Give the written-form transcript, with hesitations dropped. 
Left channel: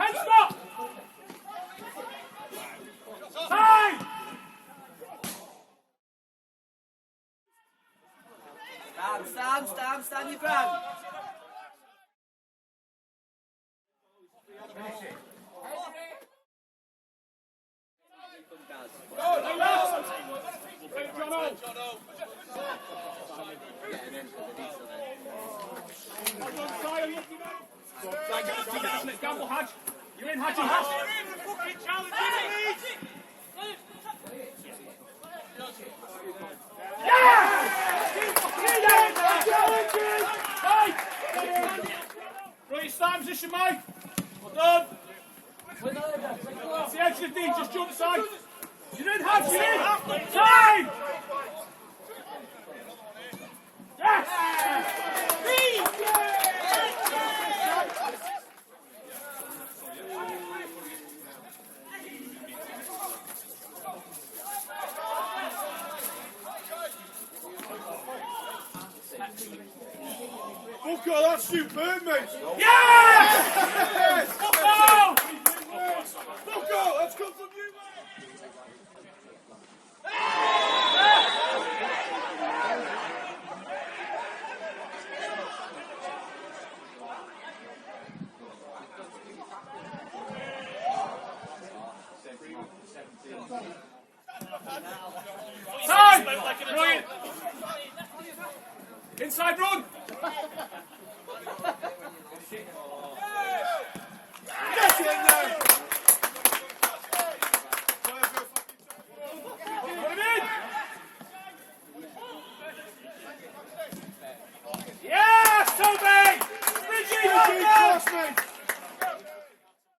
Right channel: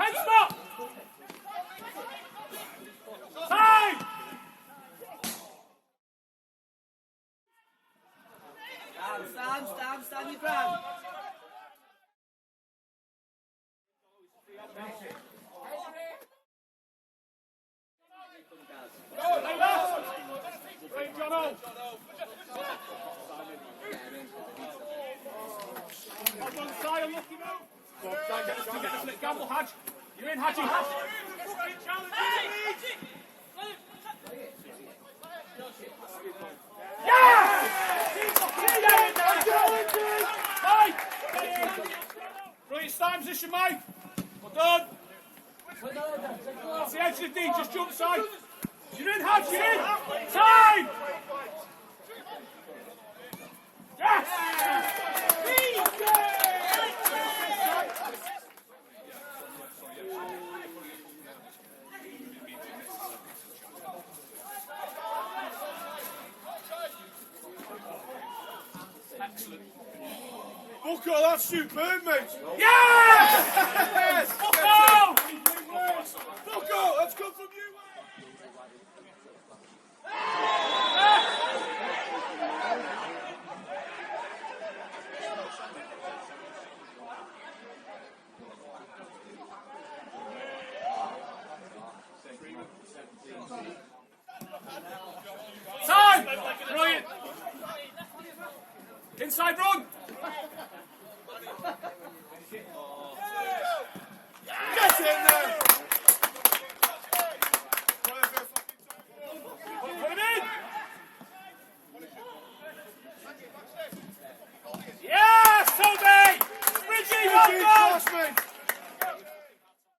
Hey, stop! Time! Stand your ground. Gamble, Hatch. You're in, Haci. Right, stand position, mate. Well done. It's the edge of the knee, just jump aside. You're in, Haci. Time! Yes! Booker, that's superb, mate. Yes! Oh! Booker, let's go for blue. Time! Brilliant. Inside run.